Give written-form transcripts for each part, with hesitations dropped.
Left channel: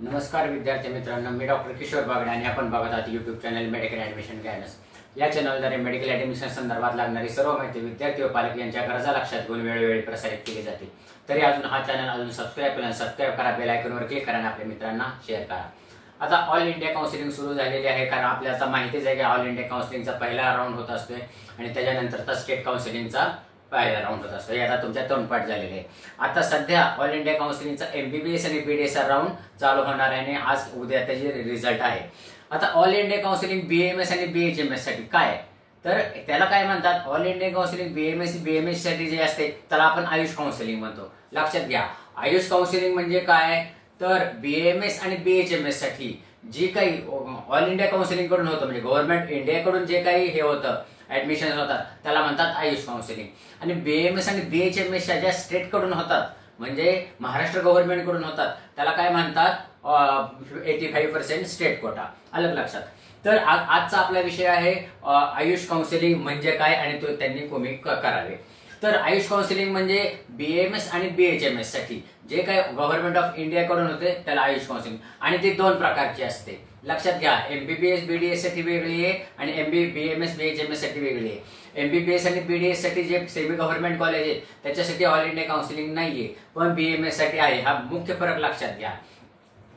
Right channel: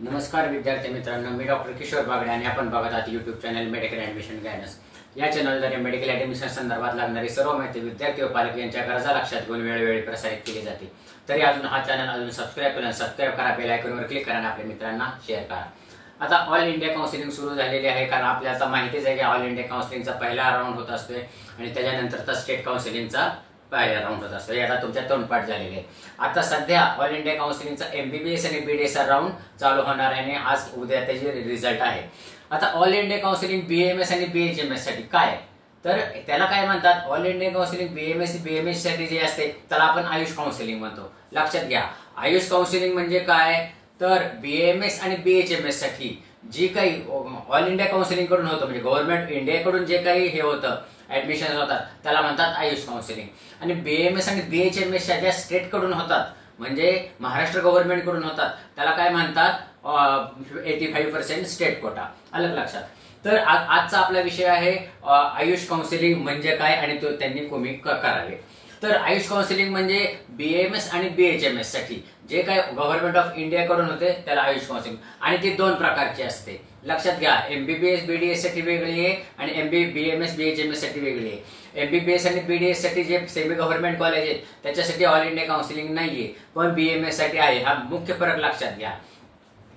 नमस्कार विद्यार्थी मित्रांनो, मी डॉक्टर किशोर बागडे आणि आपण बघत आहात YouTube channel medical admission guidance. या चॅनलद्वारे मेडिकल ॲडमिशन संदर्भात लागणारी सर्व माहिती विद्यार्थी व पालक यांच्या गरजा लक्षात घेऊन वेळोवेळी प्रसारित केली जाते। तरी अजून हा चॅनल सबस्क्राइब केला, सबस्क्राइब करा, बेल आयकॉनवर क्लिक करा आणि आपल्या मित्रांना शेअर करा। आता ऑल इंडिया काउन्सिलिंग सुरू झालेली आहे, कारण आपल्याला आता माहितीच आहे की ऑल इंडिया काउन्सिलिंगचा पहिला राऊंड होत असतोय आणि त्याच्यानंतरचा स्टेट काउन्सिलिंगचा पहिला राऊंड होत असतो। हे आता तुमच्या तोंडपाठ झालेले आहे। आता सध्या ऑल इंडिया काउन्सिलिंगचा MBBS आणि BDS राऊंड चालू होणार आहे आणि आज उद्या त्याचे रिझल्ट आहे। आता ऑल इंडिया काउन्सिलिंग BAMS आणि BHMS साठी काय, तर त्याला काय म्हणतात, ऑल इंडिया काउन्सिलिंग BAMS साठी जे असते त्याला आपण आयुष काउन्सिलिंग म्हणतो। लक्षात घ्या, आयुष काउन्सिलिंग म्हणजे काय, तर BAMS आणि BHMS साठी जे काही ऑल इंडिया काउन्सिलिंग कडून होतं, म्हणजे गव्हर्नमेंट इंडियाकडून जे काही हे होतं ऍडमिशन होतात त्याला म्हणतात आयुष काउन्सिलिंग। आणि BAMS आणि BHMS ज्या स्टेट कडून होतात, म्हणजे महाराष्ट्र गव्हर्नमेंट कडून होतात, त्याला काय म्हणतात 85% स्टेट कोटा। अलग लक्षात। तर आजचा आपला विषय आहे आयुष काउन्सिलिंग म्हणजे काय आणि तो त्यांनी कोणी करावे। तर आयुष काउन्सिलिंग म्हणजे BAMS आणि BHMS साठी जे काही गव्हर्नमेंट ऑफ इंडिया कडून होते त्याला आयुष काउन्सिलिंग, आणि ते दोन प्रकारचे असते। लक्षात घ्या, MBBS BDS साठी वेगळी आहे आणि BAMS BHMS साठी वेगळी आहे। MBBS आणि BDS साठी जे सेमी गव्हर्नमेंट कॉलेज आहेत त्याच्यासाठी ऑल इंडिया काउन्सिलिंग नाहीये, पण BAMS साठी आहे। हा मुख्य फरक लक्षात घ्या।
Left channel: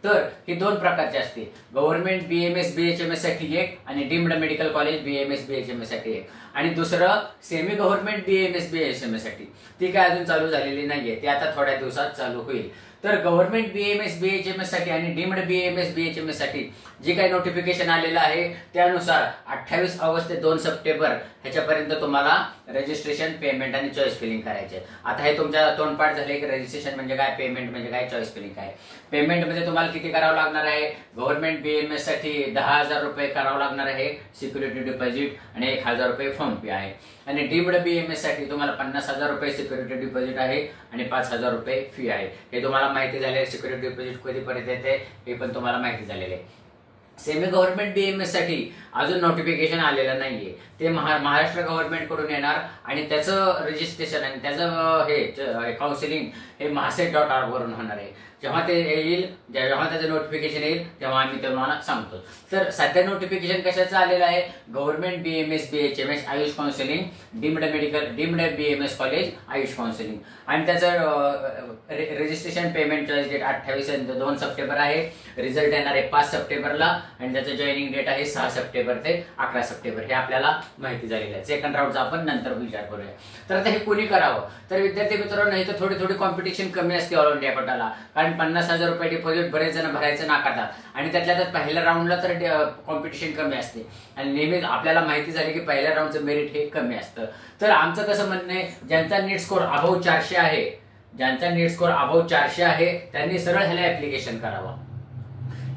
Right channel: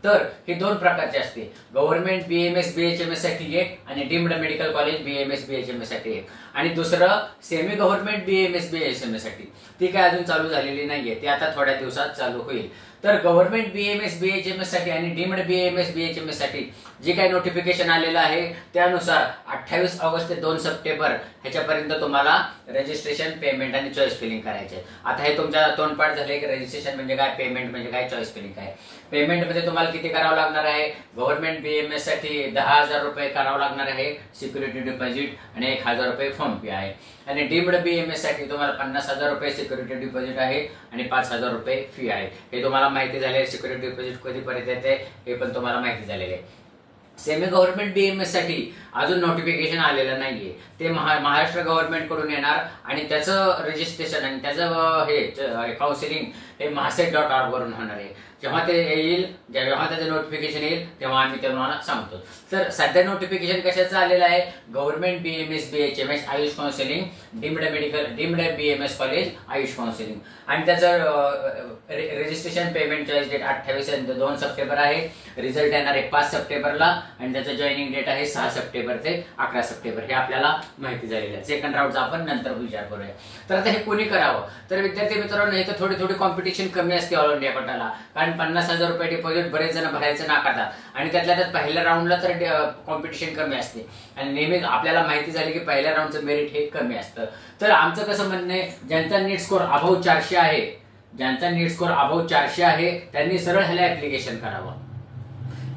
तर हे दोन प्रकारचे असते, गव्हर्नमेंट BAMS BHMS साठी एक आणि deemed medical college BAMS BHMS साठी एक, आणि दुसरं सेमी गव्हर्नमेंट BAMS BHMS साठी। ती काय अजून चालू झालेली नाहीये, ती आता थोड्या दिवसात चालू होईल। तर गव्हर्नमेंट BAMS BHMS साठी आणि डीम्ड BAMS BHMS साठी जे काही नोटिफिकेशन आलेलं आहे त्यानुसार 28 ऑगस्ट ते 2 सप्टेंबर ह्याच्यापर्यंत तुम्हाला रजिस्ट्रेशन, पेमेंट आणि चॉईस फिलिंग करायचे। आता हे तुमच्या तोंडपाठ झाले की रजिस्ट्रेशन म्हणजे काय, पेमेंट म्हणजे काय, चॉईस फिलिंग काय। पेमेंट मध्ये तुम्हाला किती करावं लागणार आहे, गव्हर्नमेंट BAMS साठी 10,000 रुपये करावं लागणार आहे सिक्युरिटी डिपॉझिट आणि 1,000 रुपये फॉर्म फी आहे। आणि डीम्ड BAMS साठी तुम्हाला 50,000 रुपये सिक्युरिटी डिपॉझिट आहे आणि 5,000 रुपये फी आहे। हे तुम्हाला माहिती झाले, सिक्युरिटी डिपॉझिट कधीपर्यंत येते हे पण तुम्हाला माहिती झालेले आहे। सेमी गव्हर्नमेंट BAMS साठी अजून नोटिफिकेशन आलेलं नाहीये, ते महाराष्ट्र गव्हर्नमेंट कडून येणार आणि त्याचं रजिस्ट्रेशन आणि त्याचं हे काउन्सिलिंग हे mahasec.org वरून होणार आहे। जेव्हा ते येईल, जेव्हा त्याचं नोटिफिकेशन येईल तेव्हा आम्ही तुम्हाला सांगतो। तर सध्या नोटिफिकेशन कशाचं आलेलं आहे, government BAMS BHMS Ayush counselling, deemed BAMS college Ayush counselling, आणि त्याचं रजिस्ट्रेशन पेमेंट चॉईस डेट 28 आणि 2 सप्टेंबर आहे। रिझल्ट येणार आहे 5 सप्टेंबरला आणि त्याचं जॉईनिंग डेट आहे 6 सप्टेंबर ते 11 सप्टेंबर। हे आपल्याला माहिती झालेलं आहे। सेकंड राऊंडचा आपण नंतर विचार करूया। तर आता हे कोणी करावं, तर विद्यार्थी मित्रांनो इथं थोडी कॉम्पिटिशन कमी असते ऑल इंडिया कोटाला, कारण 50,000 रुपये डिपॉझिट बरेच जण भरायचं नाकारतात आणि त्यातल्या पहिल्या राऊंडला तर कॉम्पिटिशन कमी असते आणि नेहमीच आपल्याला माहिती झाली की पहिल्या राऊंडचं मेरिट हे कमी असतं। तर आमचं कसं म्हणणं आहे, ज्यांचा नीट स्कोर अबव 400 आहे, ज्यांचा नीट स्कोर अबव 400 आहे त्यांनी सरळ ह्याला ऍप्लिकेशन करावं।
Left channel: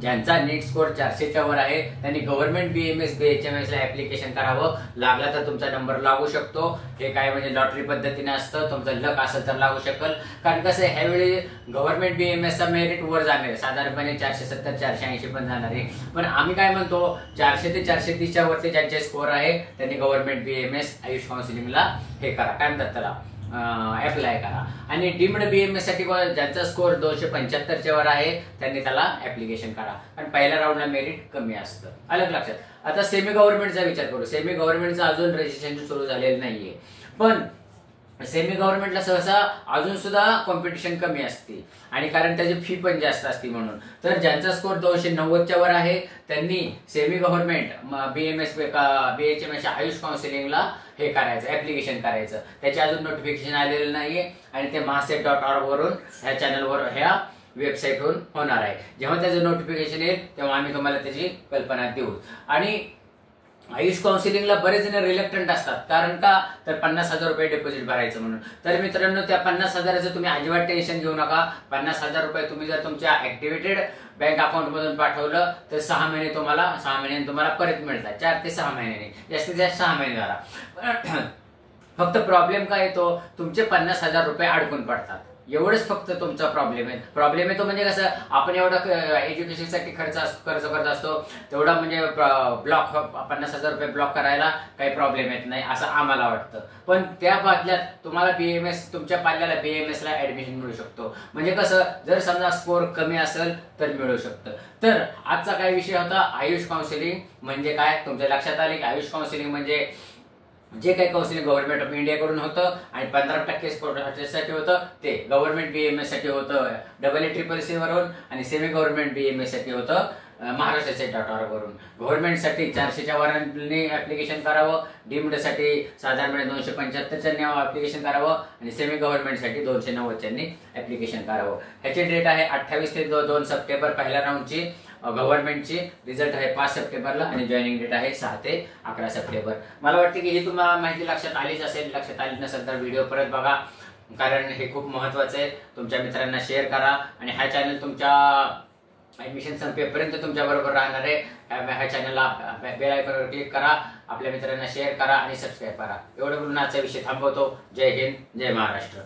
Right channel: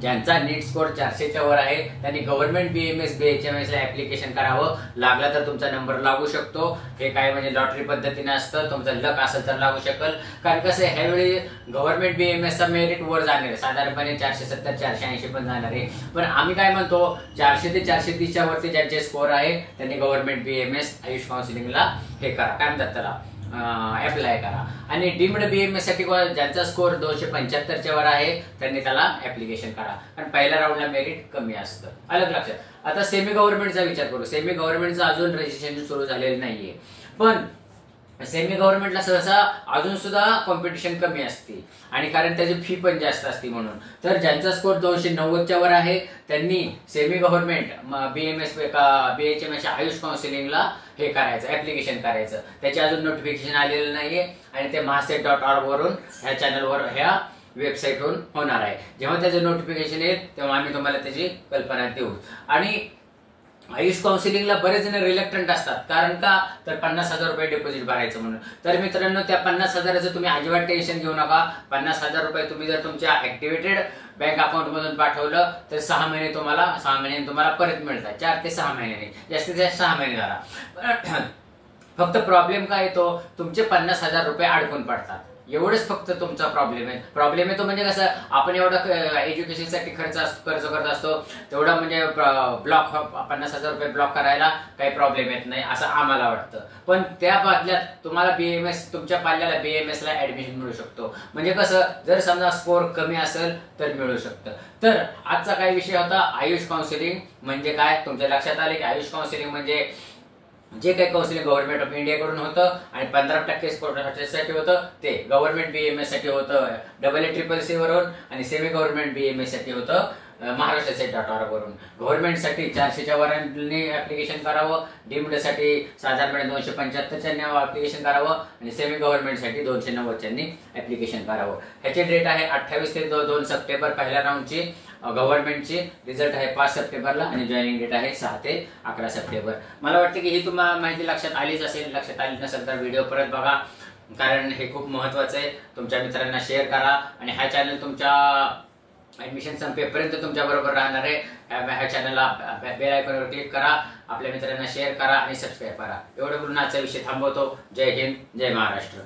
ज्यांचा नीट स्कोर 400च्या वर आहे त्यांनी गव्हर्नमेंट BAMS BHMS ला ऍप्लिकेशन करावं। लागला तर तुमचा नंबर लागू शकतो, हे काय म्हणजे लॉटरी पद्धतीने असतं, तुमचं लक असेल तर लागू शकेल। कारण कसं ह्यावेळी गव्हर्नमेंट BAMS चा मेरिट वर जाणार आहे, साधारणपणे 470 480 पण जाणार आहे। पण आम्ही काय म्हणतो, 400 ते 430च्या वरती ज्यांचे स्कोर आहे त्यांनी गव्हर्नमेंट BAMS आयुष काउन्सिलिंगला हे करा, काय म्हणतात त्याला, अप्लाय करा। आणि डीम्ड BAMS साठी ज्यांचा स्कोर 275च्या वर आहे त्यांनी त्याला ऍप्लिकेशन करा, कारण पहिल्या राऊंडला मेरिट कमी असतं। अलग लक्षात। आता सेमी गव्हर्नमेंटचा विचार करू। सेमी गव्हर्नमेंटचं अजून रजिस्ट्रेशन सुरू झालेलं नाहीये, पण सेमी गव्हर्नमेंटला सहसा अजून सुद्धा कॉम्पिटिशन कमी असते आणि कारण त्याची फी पण जास्त असते म्हणून। तर ज्यांचा स्कोर 290च्या वर आहे त्यांनी semi government BAMS BHMS AYUSH काउन्सिलिंगला हे करायचं, ऍप्लिकेशन करायचं। त्याचे अजून नोटिफिकेशन आलेलं नाहीये आणि ते mahasec.org वरून ह्या चॅनलवर ह्या वेबसाईटवरून होणार आहे। जेव्हा त्याचं नोटिफिकेशन येईल तेव्हा आम्ही तुम्हाला त्याची कल्पना देऊ। आणि आयुष काउन्सिलिंगला बरेच जण रिलक्टंट असतात, कारण का, तर 50,000 रुपये डिपॉझिट भरायचं म्हणून। तर मित्रांनो त्या 50,000चं तुम्ही अजिबात टेन्शन घेऊ नका। 50,000 रुपये तुम्ही जर तुमच्या ऍक्टिव्हेटेड बँक अकाउंट मधून पाठवलं तर 6 महिन्याने तुम्हाला परत मिळतात, 4 ते 6 महिन्याने, जास्तीत जास्त 6 महिने झाला। फक्त प्रॉब्लेम काय येतो, तुमचे 50,000 रुपये अडकून पडतात। एवढंच फक्त तुमचा प्रॉब्लेम येतो. म्हणजे कसं, आपण एवढं एज्युकेशनसाठी खर्च करत असतो, तेवढा म्हणजे ब्लॉक 50,000 रुपये ब्लॉक करायला काही प्रॉब्लेम येत नाही असं आम्हाला वाटतं. पण त्या बदल्यात तुम्हाला BAMS, तुमच्या पाल्याला BAMS ला ऍडमिशन मिळू शकतो. म्हणजे कसं, जर समजा स्कोर कमी असेल तर मिळू शकतं. तर आजचा काय विषय होता, आयुष काउन्सिलिंग म्हणजे काय. तुमच्या लक्षात आले की आयुष काउन्सिलिंग म्हणजे जे काही काउन्सिलिंग गव्हर्नमेंट ऑफ इंडिया कडून होतं आणि 15% साठी होतं, ते गव्हर्नमेंट BAMS साठी होतं AACCC वरून, आणि सेमी गव्हर्नमेंट BAMS साठी होतं महाराष्ट्र.org वरून. गव्हर्नमेंट साठी 400च्या वरांनी ऍप्लिकेशन करावं, डीम्ड साठी साधारणपणे 275च्या ऍप्लिकेशन करावं, आणि सेमी गव्हर्नमेंट साठी 290च्या ऍप्लिकेशन करावं. ह्याची डेट आहे 28 ते 2 सप्टेंबर पहिल्या राऊंडची गव्हर्नमेंटची. रिझल्ट आहे 5 सप्टेंबरला आणि जॉईनिंग डेट आहे 6 ते 11 सप्टेंबर. मला वाटतं की ही तुम्हाला माहिती लक्षात आलीच असेल. लक्षात आली नसेल तर व्हिडिओ परत बघा, कारण हे खूप महत्वाचं आहे. तुमच्या मित्रांना शेअर करा आणि हा चॅनल तुमच्या ऍडमिशन संपेपर्यंत तुमच्या बरोबर राहणार आहे. ह्या चॅनलला बेल आयकॉनवर क्लिक करा, आपल्या मित्रांना शेअर करा आणि सबस्क्राईब करा. एवढं बोलून आजचा विषय थांबवतो. जय हिंद, जय महाराष्ट्र.